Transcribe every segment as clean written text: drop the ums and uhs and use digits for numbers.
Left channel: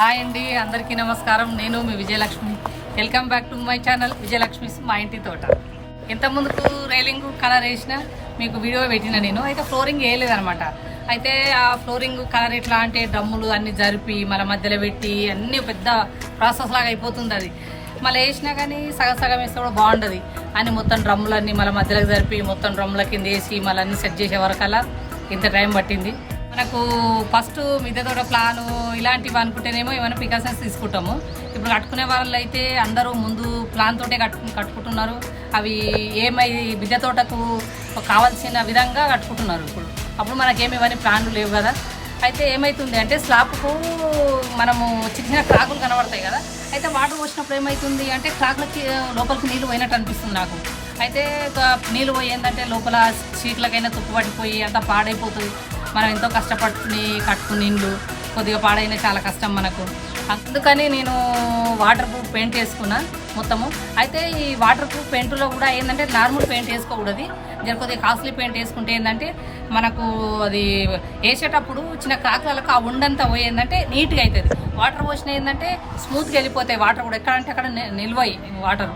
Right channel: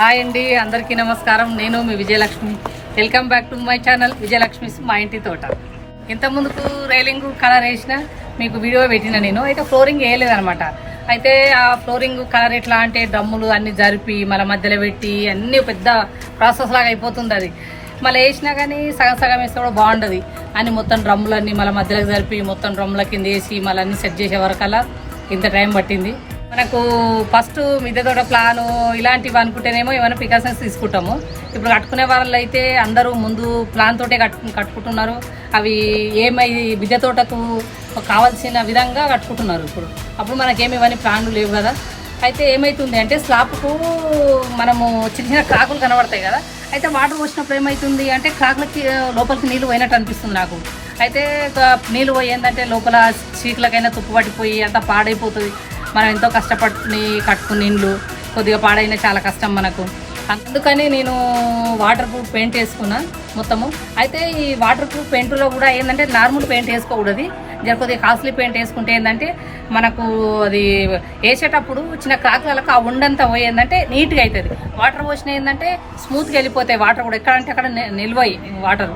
Hi అండి, అందరికీ నమస్కారం. నేను మీ Vijayalakshmi. Welcome back to my channel Vijayalakshmi మా ఇంటి తోట. ఇంత ముందుకు రైలింగ్ కలర్ వేసిన మీకు వీడియో పెట్టిన నేను. అయితే ఫ్లోరింగ్ వేయలేదనమాట. అయితే ఆ ఫ్లోరింగ్ కలర్ ఎట్లా అంటే డ్రమ్ములు అన్ని జరిపి మళ్ళీ మధ్యలో పెట్టి అన్ని పెద్ద ప్రాసెస్ లాగా అయిపోతుంది. అది మళ్ళీ వేసినా కానీ సగం సగం వేస్తే కూడా బాగుండదు అని మొత్తం డ్రమ్ములన్నీ మళ్ళీ మధ్యలోకి జరిపి మొత్తం డ్రమ్ముల కింద వేసి మళ్ళీ అన్ని సెట్ చేసే వరకల్లా ఇంత టైం పట్టింది. మనకు ఫస్ట్ మిద్దె తోట ప్లాను ఇలాంటివి అనుకుంటేనేమో ఏమైనా ప్రికాషన్స్ తీసుకుంటాము. ఇప్పుడు కట్టుకునే వాళ్ళు అయితే అందరూ ముందు ప్లాన్ తోటే కట్టుకుంటున్నారు. అవి మిద్దె తోటకు కావాల్సిన విధంగా కట్టుకుంటున్నారు. అప్పుడు మనకేమి ఇవన్నీ ప్లాన్లు లేవు కదా. అయితే ఏమవుతుంది అంటే స్లాబ్కు మనము చిన్న చిన్న క్రాకులు కనబడతాయి కదా. అయితే వాటర్ పోసినప్పుడు ఏమవుతుంది అంటే క్రాకులకి లోపలికి నీళ్ళు పోయినట్టు అనిపిస్తుంది నాకు. అయితే నీళ్ళు పోయి ఏంటంటే లోపల సీట్లకైనా తుప్పు పట్టిపోయి అంతా పాడైపోతుంది. మనం ఎంతో కష్టపడి కట్టుకుని ఇండ్లు కొద్దిగా పాడైనా చాలా కష్టం మనకు. అందుకని నేను వాటర్ ప్రూఫ్ పెయింట్ వేసుకున్నా మొత్తము. అయితే ఈ వాటర్ ప్రూఫ్ పెయింట్లో కూడా ఏంటంటే నార్మల్ పెయింట్ వేసుకోకూడదు, కొద్దిగా కాస్ట్లీ పెయింట్ వేసుకుంటే ఏంటంటే మనకు అది వేసేటప్పుడు చిన్న క్రాక్లకు ఆ ఉండంతా పోయిందంటే నీట్గా అవుతుంది. వాటర్ పోసిన ఏంటంటే స్మూత్గా వెళ్ళిపోతాయి వాటర్ కూడా, ఎక్కడంటే అక్కడ నిల్వయి వాటర్.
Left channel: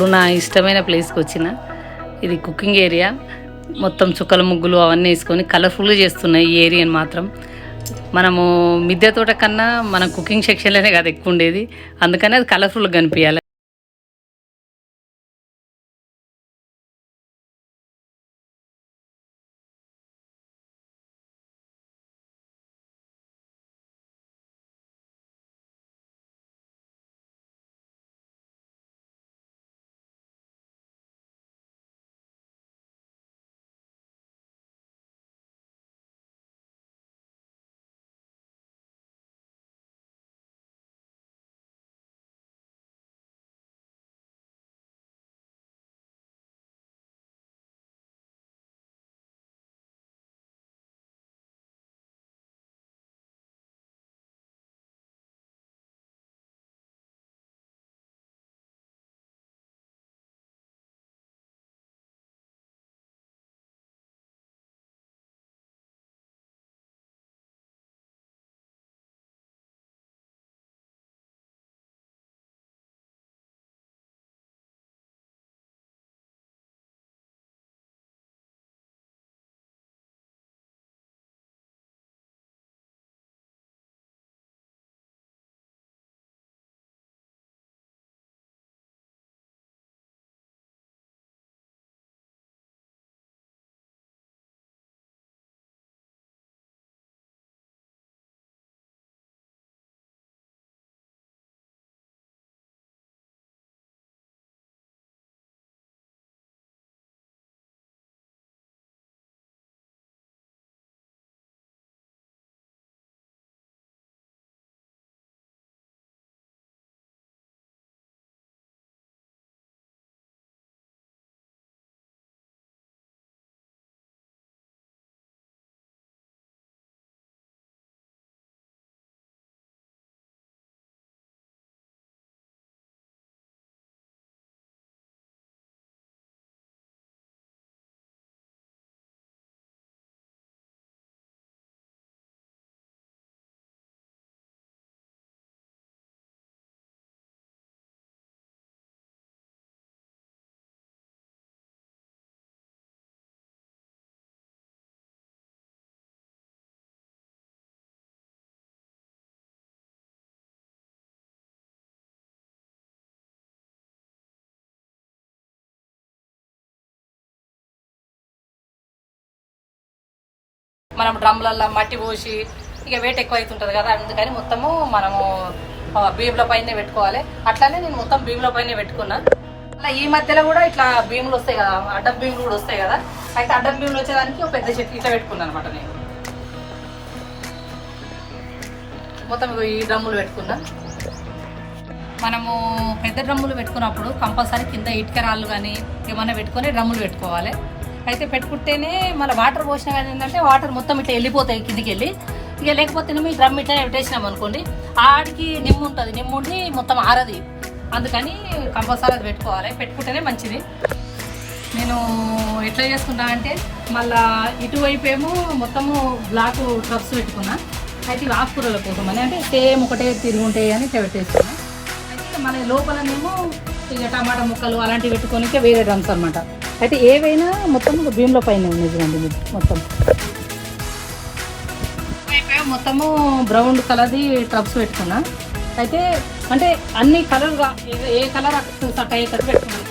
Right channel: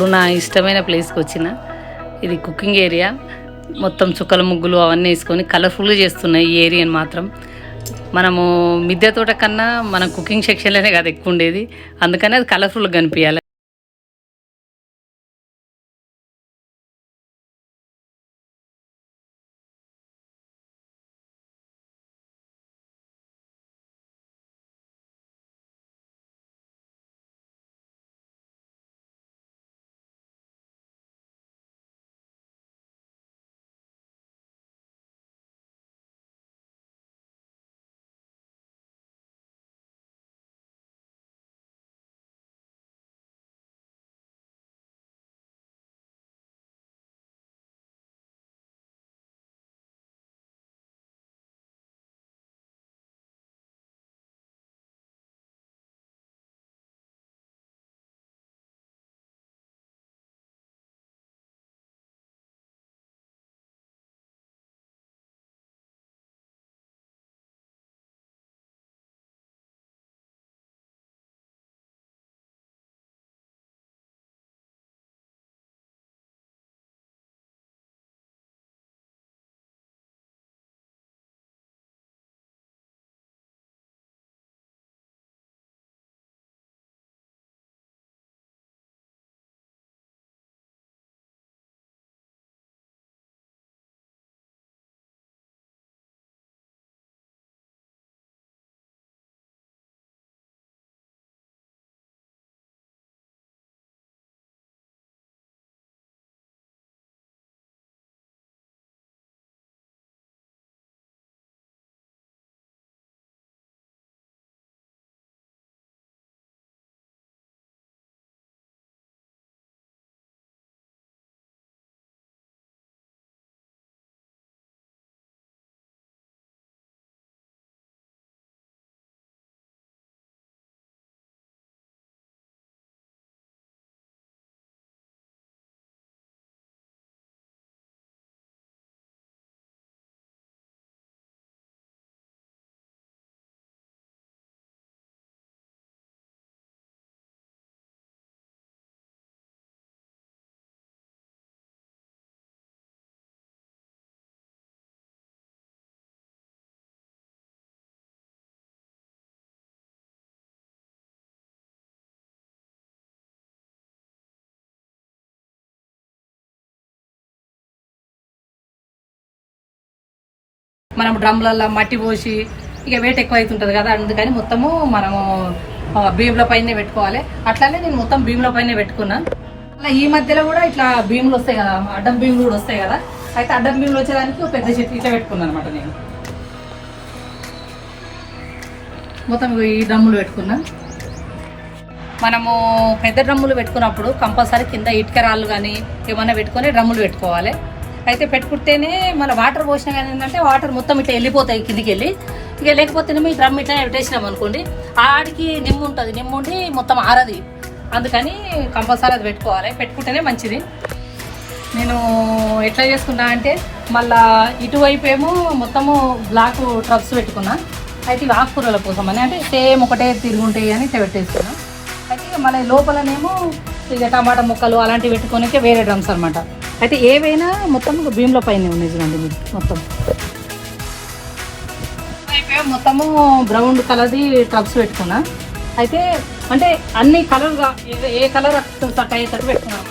ఇప్పుడు నా ఇష్టమైన ప్లేస్కి వచ్చిన. ఇది కుకింగ్ ఏరియా. మొత్తం చుక్కల ముగ్గులు అవన్నీ వేసుకొని కలర్ఫుల్గా చేస్తున్నాయి ఈ ఏరియాని మాత్రం. మనము మిద్దె తోట కన్నా మన కుకింగ్ సెక్షన్లోనే కదా ఎక్కువ ఉండేది, అందుకని అది కలర్ఫుల్గా కనిపించాలి. మనం డ్రమ్లలో మట్టి పోసి ఇక వెయిట్ ఎక్కువ అవుతుంటుంది కదా, అందుకని మొత్తము మనము భీముల పైన పెట్టుకోవాలి. అట్లానే నేను మొత్తం భీముల పైన పెట్టుకున్నా. అలా ఈ మధ్యలో కూడా ఇట్లా భీములు వస్తాయి కదా, అడ్డం భీములు కూడా వస్తాయి కదా, అయితే అడ్డం భీములు వచ్చేదానికి పెద్ద చెట్టు ఇట్లా పెట్టుకున్నాను అనమాట. నేను మొత్తం ఈ డ్రమ్ములు పెట్టుకున్నా. మనము పెద్ద డ్రమ్ములు పెట్టుకున్నప్పుడు కంపల్సరీ కింద ఇటుక రాళ్ళు కానీ ఏమన్నా పెట్టుకొని డ్రమ్ములు పెట్టుకోవాలి. అయితే పెట్టుకుంటేనే మన వాటర్ పోసినా కానీ ఏంటంటే వాటర్ మొత్తం ఇట్లా వెళ్ళిపోతాయి కిందికి వెళ్ళి. ఇక లేకపోతేనేమో ఈ డ్రమ్ ఇట్లా పెట్టేసినాం అనుకోండి, ఆడికి నిమ్ము ఉంటుంది, నిమ్ముండి మొత్తం ఆరది. అందుకని కంపల్సరీ అది పెట్టుకోవాలి, పెట్టుకుంటేనే మంచిది. నేను ఎట్లా చేసుకున్నా అంటే మళ్ళా ఇటువైపు ఏమో మొత్తము బ్లాక్ ట్రబ్స్ పెట్టుకున్నా. అయితే ఇవి ఆకుకూరల కోసం అని అంటే సేమ్ ఒకటే తిరుగుంటాయి అని ఇట్లా పెట్టేసుకున్నా. అయితే మన లోపలనేమో ఇక టమాటా ముక్కలు అలాంటివి పెట్టుకోనికే వేరే డ్రమ్స్ అనమాట. అయితే ఏవైనా మొత్తం భీముల పైన మొత్తం అయిపోయి మొత్తము బ్రౌన్ కలర్ది టబ్స్ పెట్టుకున్నా. అయితే అంటే అన్ని కలర్గా ఏ కలర్ కట్ అయ్యేటట్టు పెట్టుకున్నాను.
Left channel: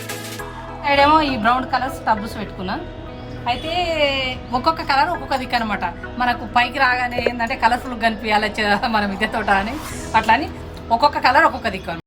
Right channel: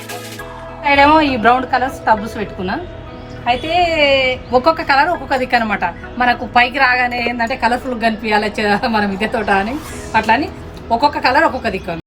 సైడేమో ఈ బ్రౌన్ కలర్స్ టబ్స్ పెట్టుకున్నా. అయితే ఒక్కొక్క కలర్ ఒక్కొక్క దిక్కు అనమాట. మనకు పైకి రాగానే ఏంటంటే కలర్ఫుల్ కనిపించాలి మన మిద్దె తోట అని, అట్లా అని ఒక్కొక్క కలర్ ఒక్కొక్క దిక్కు.